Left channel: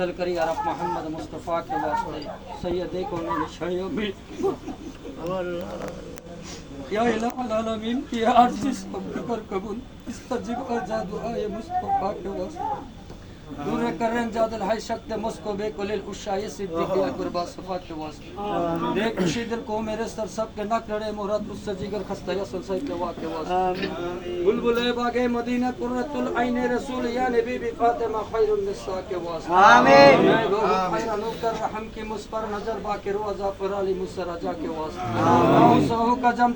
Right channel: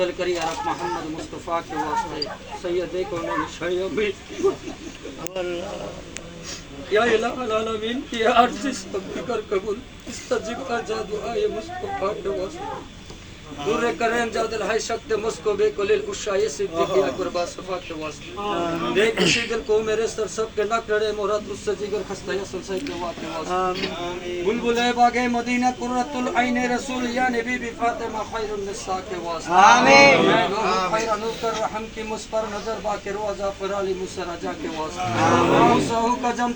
نازل کری عرب محمد مصطفیٰ کے واسطے سید کون شیوں میں۔ یا الہ العالمین، کی عرضی سب پر قبول استجب کا جادو آئے مصطفیٰ کے واسطے۔ نور کرم جادل ہائی شکت مسکو بے کلیل اشائی صدیقی اکبر با صفات کے واسطے دیکھ اسی گر کو میرے سر سب کے نہ کرے مورت اس سے جگر خستہ یا سلسائی کے واسطے واسطے بلبل اے باغے مدینہ قررت العین رسول یا نبی بی فاطمہ خیر النساء کے واسطے آمین انو کر رحم کی مس پر نظر با کے روزہ پر علی کے واسطے۔ کا جم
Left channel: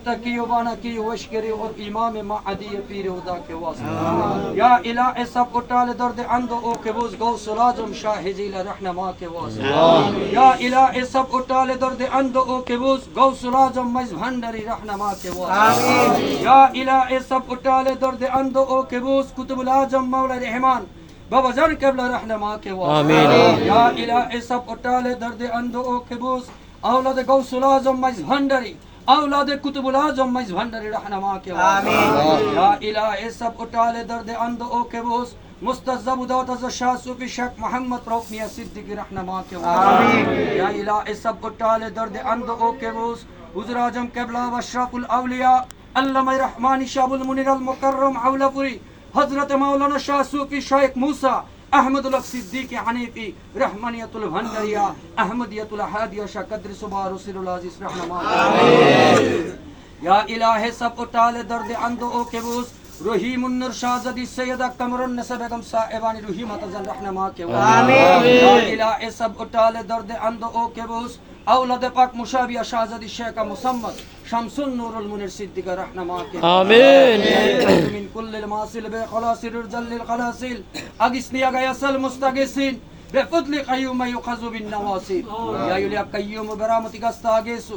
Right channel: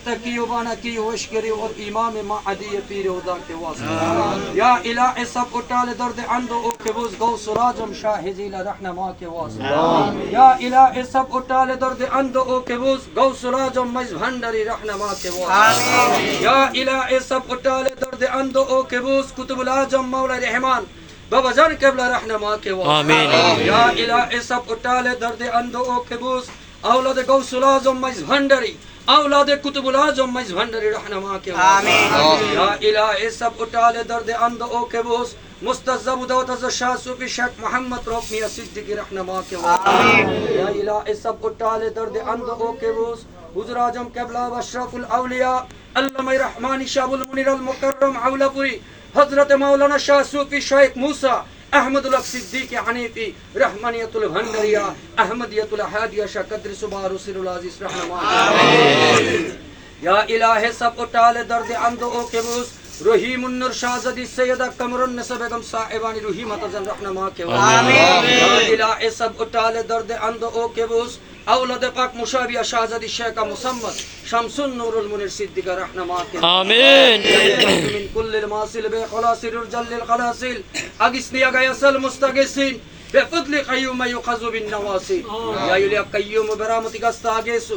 کی ہوش کری اور امام معدی پیر خدا کے واسطے۔ یا الہ سب اٹال درد اند او کے بوز گو سراجم شاہ ذیل رہنما کے واسطے۔ یا الہ سب اٹال درد اند او کے بوز گو سراجم مز بھنڈری رہنما کے واسطے۔ یا الہ سب اٹال درد اند او کے بوز کتب لاجم مولا رحمان۔ بابا جان قبلہ رہنما کے وہ آمین یا الہ سب اٹالے درد اندو او کبوس اولاد غوث العظم مجز بھنڈری اولاد قطب العظم مجز بھنڈری رہنما کے آمین یا الہ سب اٹالے درد اندو او کبوس مستذب دوت از شاہ صوفی شیخ محمد روک میاں صدیق رہنما کے آمین یا الہ سب اٹالے درد اندو او کبوس হুজুর আজম কেবলা আশরাফুল আউলিয়া আল্লামাই রহমান ইশাবুল মুনির আল মুকাররম আউলাপুরি হজরতে মৌলানা শাহ সুফি শয়েক মুসা আহমদুল্লাহ সিদ্দিকী হানিফি রহমানিয়াতুল ভান্ডারিয়া আহমদিয়াতুল হাদিয়া শাহ কদ্রি সুবাহ রসিরুল আজিজ রহমান ইয়া ইলাহে সব উটালে দর্দ আন্দ ও কেবুস রহিমুন নূর শাহজাদি সৈয়দা কমরুন নেসা বেগম সাহেবানি রহিমাত জান রহনামা কে আমিন। ইয়া ইলাহে সব উটালে দর্দ আন্দ ও কেবুস আওলাদে পাক মুশাবিয়া শাহজাদি শেখা মুসাম্মদ শামসুন নূরুল মুনির সিদ্দিকা রহনামা কে আমিন। كل الماصل بخلاص الرجال للخلاصل أقسني أقياس المستقسين بفضل قيوم يؤخذ بالنواصي يا يلي قيوم برحمتك استغيث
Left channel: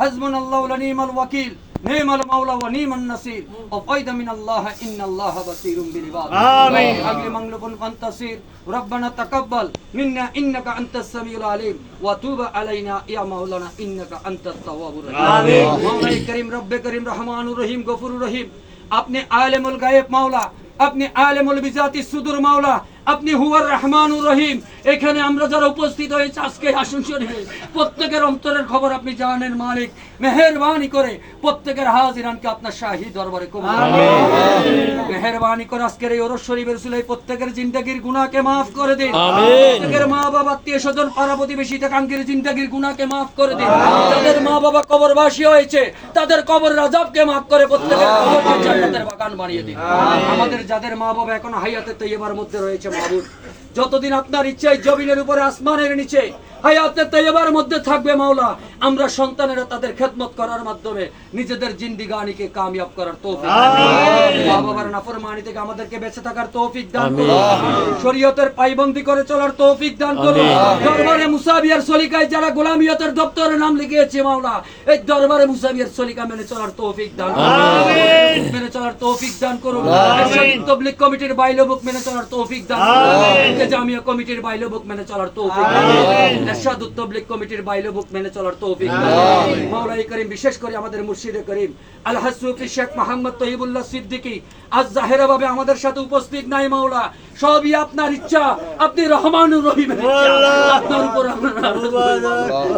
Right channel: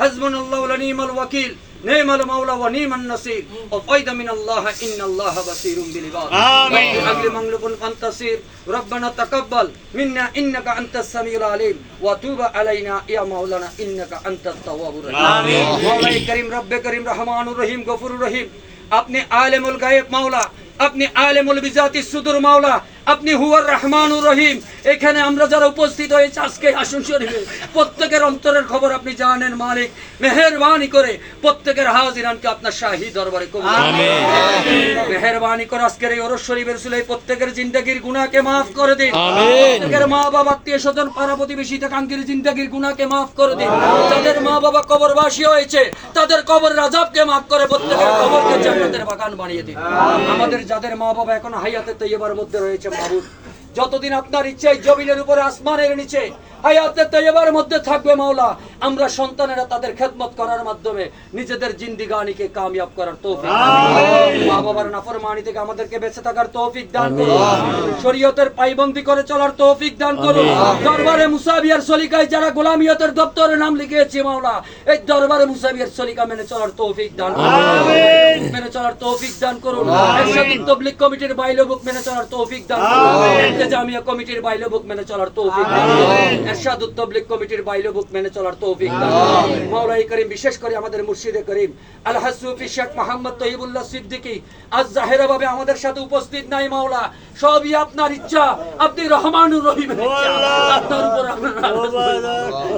حسبنا الله ونعم الوكيل نعم المولى ونعم النصير وفيد من الله إن الله بصير بالعباد آمين أجل مغلوب فانتصير ربنا تقبل منا إنك أنت السميع العليم وتوب علينا يا مولانا إنك أنت التواب الرحيم آمين مولاي كريم رب كريم رحمن الرحيم غفور الرحيم আপনি আলেমুল গায়েব মাওলা আপনি আলেমুল বিজাতি সুদুর মাওলা আপনি হুয়ার রহমানুর রহিম। এখানে আমরা যারা উপস্থিত হয়েছে আজকে আসন শরীফে। প্রত্যেকের অন্তরের খবর আপনি জানেন মালিক। মেহেরবানি করে প্রত্যেকের হাজিরানকে আপনার শাহী দরবারে মেহেরবানি করে আজকের এই ওরস শরীফের সুলাই প্রত্যেকের জিন্দগির গুনাহকে মাফ করে দিন। প্রত্যেকের মা বাবা আত্মীয় স্বজন পাড়া প্রতিবেশী কাঙ্কির জিন্দগির গুনাহকে মাফ করে দিন। যাদের মা বাবা কবরবাসী হয়েছে তাদের কবর রাজাবকে মাফ করে প্রত্যেকের কবরকে জান্নাতের বাগান বানিয়ে দিন। আমাদের যাদের মা বাবা এখন হাইয়াতে তৈবার মধ্যে রয়েছে মাহবুব যতদিন আপনার ইচ্ছায় জমিনের উপরে আসমানের নিচে হায়াতে তৈবার মধ্যে থাকবে মাওলা আমরা সন্তানেরা তাদের খেদমত করার মাধ্যমে নিজেদের জিন্দিগানিকে কামিয়াব করার তৌফিক মা বাবার নাফরমানি থেকে আমাদেরকে বেঁচে থাকার তৌফিক দান করুন শরীয়তের পাইবন্দি করে চলার তৌফিক দান করুন দরবারে মুসাবিয়ার সলিকায় যারা গোলামিয়তের দপ্তরে নাম লিখিয়েছে মাওলা এই দরবারে মুসাবিয়ার সলিকা মেনে চলার তৌফিক দান মেনে চলার তৌফিক দান করুন তবলিগ কমিটির বাইলো মেনে চলার তৌফিক দান করুন জামিয়া কমিটির বাইলো বুক মেনে চলার তৌফিক তবলিগ কমিটির বাইলো বুক মেনে চলার তৌফিক মাওলাই করিম বিশেষ করে আমাদের মুর্শিদে করিম আল হাসুফি শেখ মোহাম্মদ তহিবুল্লাহ সিদ্দিকী আজ জাহেরা ভাবে আমাদের সাথে উপস্থিত নাই মাওলা। সবই আপনার ইচ্ছা আপনি রহমানুর ইচ্ছা। আপনার উপর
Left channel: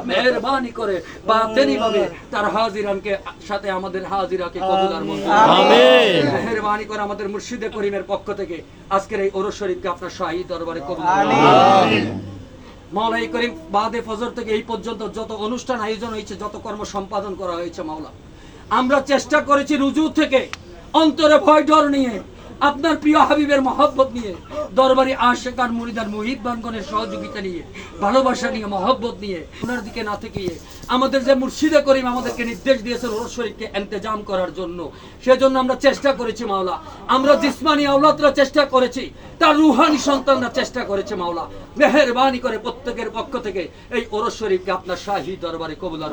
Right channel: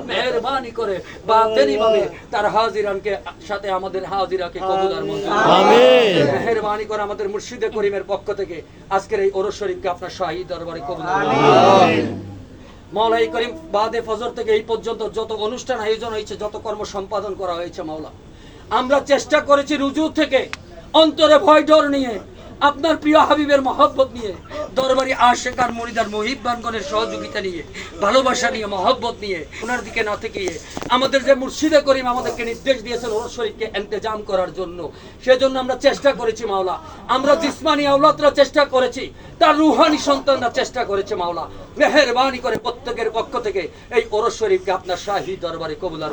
মেহরবানি করে বা তেনি ভাবে তার হাজিরানকে সাথে আমাদের হাজিরাকে কবুল আর মেহরবানি করে আমাদের মুর্শিদে করিমের পক্ষ থেকে আজকের এই ওরস শরীফকে আপনার শাহী দরবারে কবুল করুন। মাওলাই করিম বাদে ফজর থেকে এই পর্যন্ত যত অনুষ্ঠান আয়োজন হয়েছে যত কর্ম সম্পাদন করা হয়েছে মাওলা আমরা চেষ্টা করেছি রুজু থেকে অন্তরে ভয় ডর নিয়ে আপনার প্রিয় হাবিবের মহব্বত নিয়ে দরবারি আশেকার মরিদার মহিবানগণের সহযোগিতা নিয়ে ভালোবাসা নিয়ে মহব্বত নিয়ে ওনার দিকে না থেকে আমাদের যে মুর্শিদে করিম আমাদেরকে নির্দেশ দিয়েছেন ওরস শরীফকে এন্তেজাম করার জন্য সেজন্য আমরা চেষ্টা করেছি মাওলা। আমরা জিসমানি আওলাদরা চেষ্টা করেছি তার রুহানি সন্তানরা চেষ্টা করেছে মাওলা। মেহেরবানি করে প্রত্যেকের পক্ষ থেকে এই ওরস শরীফকে আপনার শাহী দরবারে কবুলার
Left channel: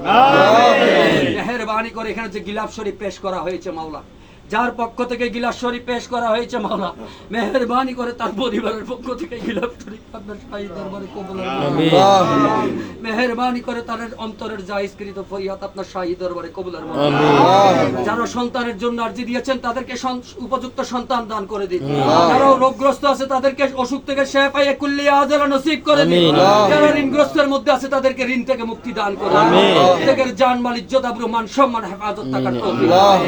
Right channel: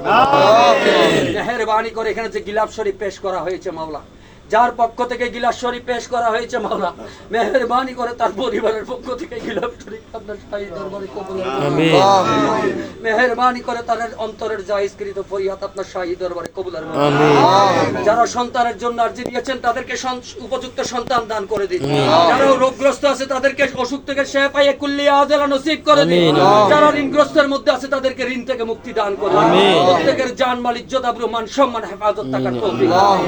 মেহেরবানি করে এখানে যে গিলাফ শরীফ পেশ করা হয়েছে মাওলা যার পক্ষ থেকে গিলাস শরীফ পেশ করা হয়েছে মাওলা মেহেরবানি করে তার পরিবারের পক্ষ থেকে গিলাস শরীফ আপনার শাহী দরবারে কবুল করুন। আমিন। মেহেরবানি করে তার অন্তরের জাহিজকৃত ফরিয়াদ আপনার শাহী দরবারে কবুল যারা সন্তানের জন্য আর্জি দিয়েছেন তাদেরকে উপযুক্ত সন্তান দান করে দিন। যারা রোগগ্রস্ত আছে তাদেরকে অসুখ থেকে শেফ পাইয়ে কুল্লিয়া আজলা নসিব করে দিন। আমিন। যারা ঋণগ্রস্তের মধ্যে আছে তাদেরকে ঋণ থেকে মুক্তি দান করে আমিন। প্রত্যেকের জান মাল ইজ্জত আবরু মান সম্মান হেফাজত থাকার তৌফিক দান।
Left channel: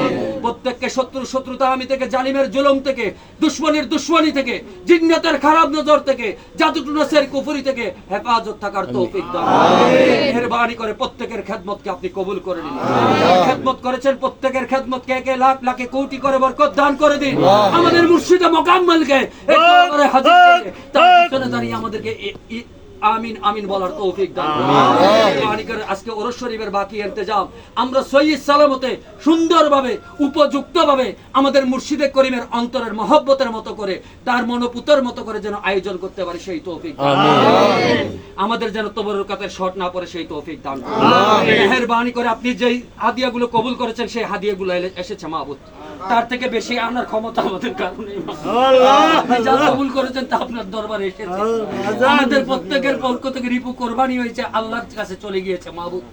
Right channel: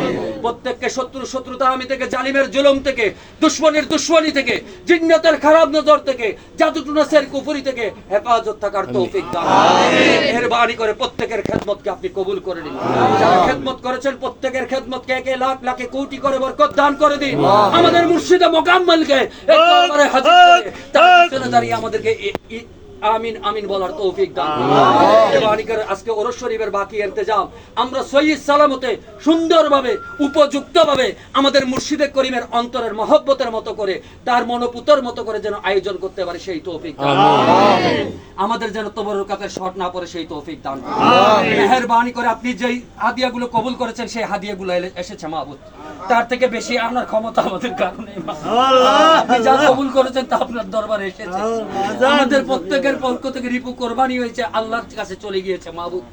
করুন। প্রত্যেককে শত্রু শত্রুতা আমি থেকে জালিমের জুলুম থেকে দুশ্মনের দুশ্মনী থেকে জিন্নাতের খারাপ নজর থেকে জাদুটুনাসের কুফরি থেকে হেফাজত থাকার তৌফিক দান। মেহেরবানি করে প্রত্যেকের খেদমতকে আপনি কবুল করে দিন যারা খেদমত করেছেন প্রত্যেকের খেদমতকে একে লাখ লাখে কোটি করে বরকত দান করে দিন। আমাদের মুর্শিদে মোকাম্মলকে এক হাজির করে তার পিছনে দাঁড়িয়ে আমাদেরকে আমিন আমিন বলার তৌফিক দান করুন। আজকে ওরস শরীফের বাকি ইন্তজাম। আমরা সহি সালামতে সুন্দরভাবে উপযুক্তভাবে আমাদের মুর্শিদে করিমের অন্তরের মহব্বতের মতো করে তার মনোপুতের মতো করে যেন আয়োজন করতে পারে সেই তৌফিক আমাদের যেন তবরকাতের শট না পড়ে সেই তৌফিক দান করুন। মেহেরবানি করে আপনি যেই হাদিয়াগুলো কবুল করেছেন সেই হাদিয়াগুলো এসেছে মাহবুদ। তার থেকে বেশি আনার ক্ষমতা আমাদের কারণে যা কবুল করেছেন তা আপনার দরবারে এসেছে। আমাদের প্রত্যেকের পক্ষ থেকে রিপু কোরবানি হয়েছে আল্লাহর কাছে চলে গিয়েছে মাহবুদ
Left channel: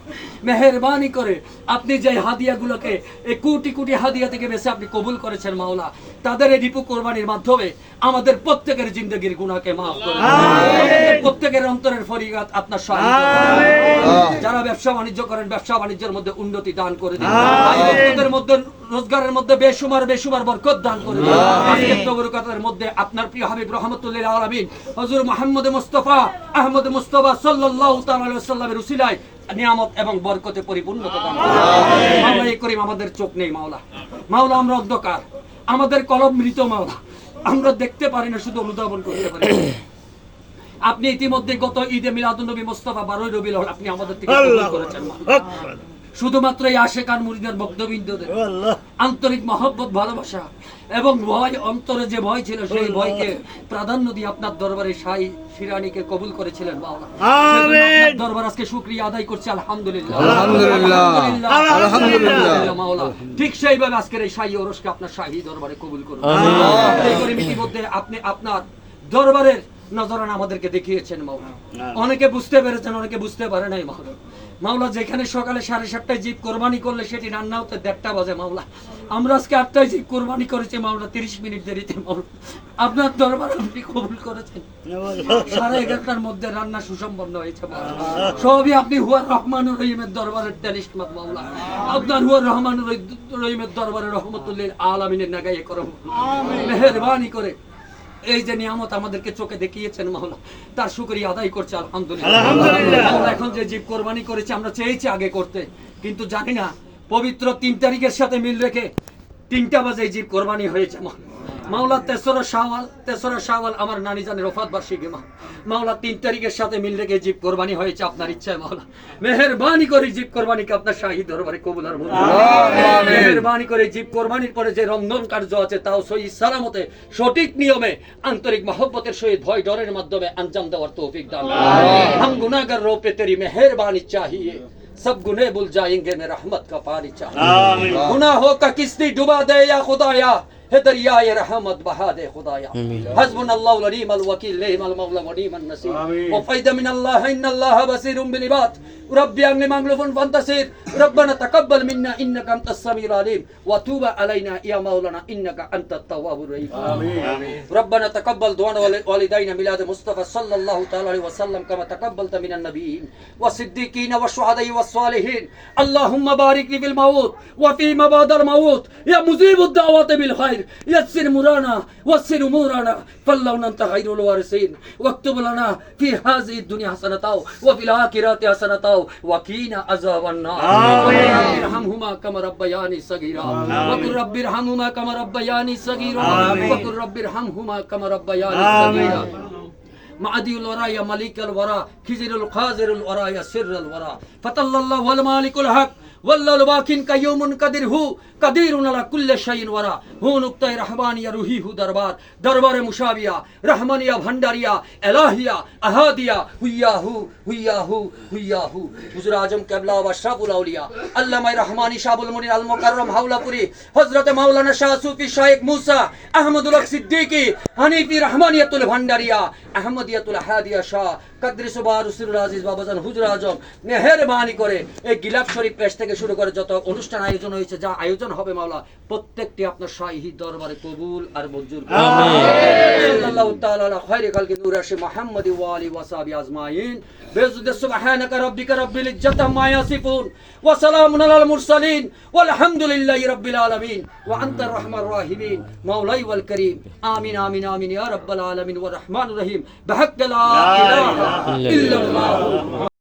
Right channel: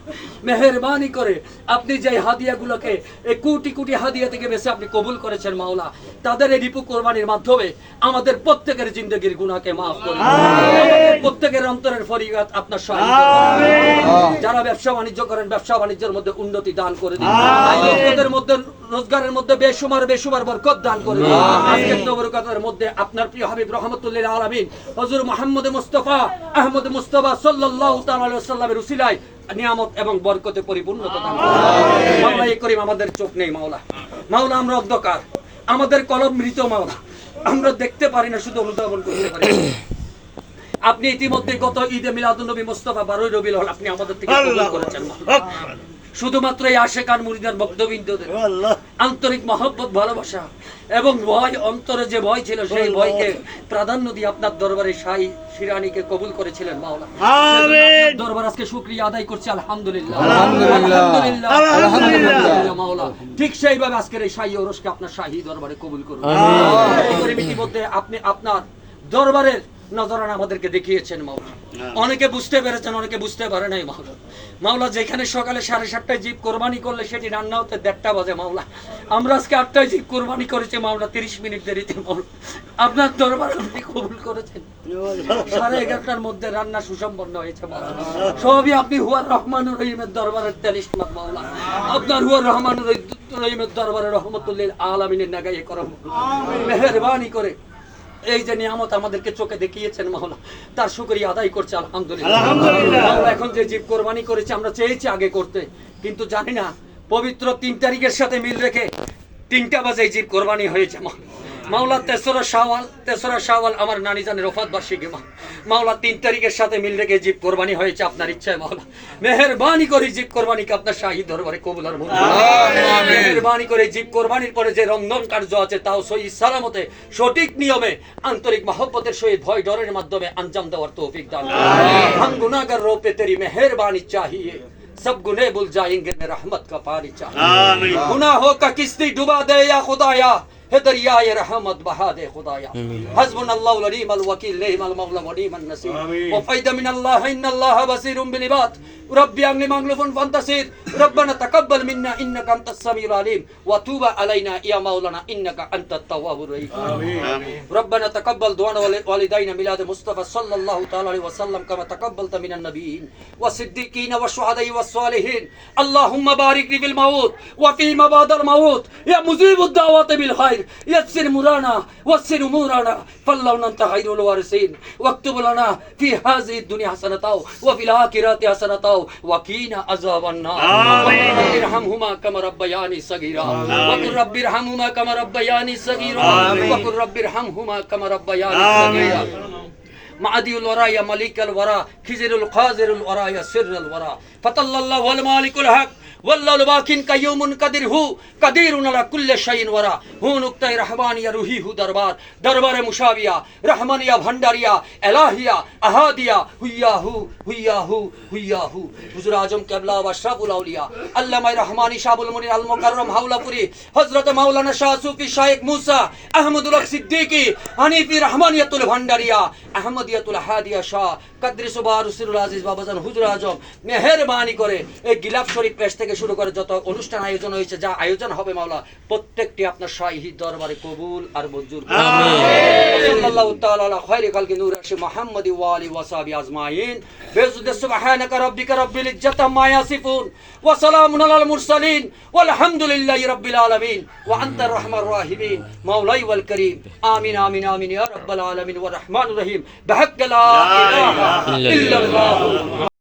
মেহেরবানি করে আপনি যে হাদিয়াগুলোকে এই কোটি কোটি হাদিয়া থেকে বেশি আপনি কবুল করেছেন মাওলা তাদের এই রিপু কোরবানির মাধ্যমে আমাদের প্রত্যেকের জিন্দগির গুনাহকে মাফ করুন আমাদের প্রত্যেকের অন্তরের ফরিয়াদ আপনার সাহায্য যারা ব্যবসা বাণিজ্য করেন ব্যবসা বাণিজ্যের মধ্যে উন্নতি দান করে দিন। মধ্যে রোজগারের মধ্যে বেসুমার বেসুমার বরকত দান করে দিন। আজকের মধ্যে আপনার প্রিয় হাবিব রহমতুল্লাহ আলামিন হযরত মুহাম্মদ মুস্তাফা আহমদ মুস্তাফা আলাইহি সাল্লামের উসিলায় নিয়ামত এবং বরকতে পরিপূর্ণতা দান মাওলা এই করিম আমাদের চোখ নেই মাওলা। মাওলা আমরা অন্ধকার। আমাদের কলম মৃত মাওলা। আমরা দেখতে পারি না শুধু অনুধাবন করতে পারি আপনি ইতিমধ্যে গত ঈদে মিলাদুন নবী মোস্তফা বারোই আউয়াল আপনি আমাদের থেকে করেছেন। শুধুমাত্র এই আশেকান মুরিদার বক্তবিন্দুদের আন্তরিক মহব্বত ভালোবাসা এবং ভয় অন্তরে যে ভয় ছিল সেই ভয়কে প্রাধান্য দিয়ে আপনার দরবারে সাই শিরানিকে কবুল করেছিলেন মাওলা দরবার আজকে শুকরিয়া আদায় করছে আলহামদুলিল্লাহ। আলহামদুলিল্লাহ। আলহামদুলিল্লাহ। মাওলা ঠিক সেইভাবে আজকের এই শাহী ওরসকে আপনার শাহী দরবারে কবুল করুন। আমিন। এই করে ইতিমধ্যে আপনি আপনার দরবারের নজরানা আমাদেরকে দেখিয়েছেন মাওলা অনেকে বুঝতে পেরেছেন অনেকে বুঝতে পারে নাই মাওলা মাওলা যেখানে সকালে সাড়ে সাতটায় জীব কোরবানি করলে সেটি রান্না হতে দেড়টা বাজে মাওলা আমরা আজকে আটটায় জীব কোরবানি করেছি মাওলা তিরিশ মিনিট দেরিতে মাওলা আপনার দরবার আপনি কবুল করেছেন। সাড়ে এগারোটার মধ্যে রান্না সুসম্পন্ন হয়েছে সবই আপনি হুয়ার রহমান রহিমের দরবারের তেলিশমাত মাওলা আপনার হুয়ার রহমান রহিমের দরবারের রহমতুল্লিল আলমিনের নাগাইয়ে করম। মেহরবানি করে এই যে নিয়ামত আমাদেরকে চোখে দেখিয়েছেন মাওলা তার শুকরিয়া আদায় করছে আলহামদুলিল্লাহ। এখন যে জীব কোরবানি করেছে আমরা চেয়েছি আগে করতে কিন্তু জানি না পবিত্র তিন তারিখের সাথে মিল রেখে তিনটা বাজে জীব কোরবানি হয়েছে মাওলা তেসরা শাওয়াল তেসরা শাওয়াল আমার নানি জানের রফাত বার্ষিকী মা মাওলা তিন তারিখের সাথে মিল রেখে জীব কোরবানি হয়েছে আপনার ইচ্ছায় মাওলা মেহেরবানি করে জীব কোরবানিকে আপনার শাহী দরবারে কবুল আর মঞ্জুর করুন। মেহেরবানি করে জীব কোরবানির পরে যে রন্ধন কার্য আছে তাও সহি সালামতে সঠিক নিয়মে আন্তরিক মহব্বতের সহিত ভয় ডরের মাধ্যমে আঞ্জাম দেওয়ার তৌফিক দান করুন। हम गुनाहगार रो पे तेरी मेहरबानी चाहिए सब गुने भूल जाएंगे मैं रहमत का पानी चाहिए गुनाहों का किस्ती डुबा दे या खुदाया है दरिया ये دریای رحمت بها دے خدایا حسبنا الله ونعم الوکیل نعم المولى ونعم النصير وفید من الله إن الله بصير بالعباد. ربي أني مغلوب فانتصر ربنا تقبل منا إنك أنت السميع العليم. وتوب علينا يا مولانا إنك أنت التواب الرحيم. ربنا تقبل دعاء وال- والدينا ميلاد مصطفى صلى الله تعالى عليه وسلم كما تقبلت من النبيين والصديقين والشهداء والصالحين. اللهم بارك لي في الموت وفيما بعد الموت. يا مجيب الدعوات بالخير. يسر مرانا وسر امورنا فالله أنت خير الوارثين. واكتب لنا في هذه الدنيا حسنة وفي الآخرة حسنة وقنا عذاب النار. رب ارحمهما كما ربياني صغيرا. وقل رب ارحمهما كما ربياني صغيرا. وقل رب ارحمهما كما ربياني صغيرا. মাদিউল ওরা ইয়া মালিকাল ওরা খিজিরুল খাজিরুল ওরা ইয়া সিররুল ওরা ফাতাল্লাল্লাহু আল মালিকুল হক ওয়াল্লাহুল বাকিন কাইয়ুমুন কাদির হু কাদিরুন আলা কুল্লি শাইইন ওরা হু নুকতায়ে রহমানিয়া রুহি হু দরবার, দরবারে মুশাবিয়া রহমানিয়া ভান্ডারিয়া, এলাহিয়া, আহাদিয়া হুইয়া হু হুইয়া হু হুইয়া হু হুজুর আজম কেবলা ওয়া আশরাফুল আউলিয়া আল্লামা রহমানি শাবুল মুনির আল মুকাররম হাওলাপুরি, হযরত মাওলানা শাহ সুফি শাইখ মুসা আহমদুল হক সিদ্দিকী, হানিফি রহমানিয়াতুল ভান্ডারিয়া আহমদিয়াতুল হাদিয়া শাহ কাদরি সুবাহ রসুল আজিজ বাবাজান হুজুর আজম মেহেরবানি করে এই গিলাফ শরীফ পেশ থেকে শুরু করে যত অনুষ্ঠান আয়োজন হয়েছে যা আয়োজন হবে মাওলা প্রত্যেকটি আপনার শাহী দরবারে কবুল আর মঞ্জুর। সাল্লাল্লাহু তাআলা আলা খায়রি খালকি নূর আরশি মুহাম্মদ ওয়া আলি ওয়া সাহবি আজমাইন। বেজুদ সুবহানাকা রাব্বিকা রাব্বিল ইজ্জাতি আম্মা ইয়াসিফুন। ওয়া সালামুন আলাল মুরসালিন ওয়ালহামদুলিল্লাহি রাব্বিল আলামিন ওয়া আনতার রাহমার রাহিমিন মাওলাই ওয়াল করিম আমিন আমিন আমিন ইয়া রাব্বাল আলামিন ওয়া রহমানুর রহিম বিহাক্কি লা ইলাহা ইল্লাল্লাহ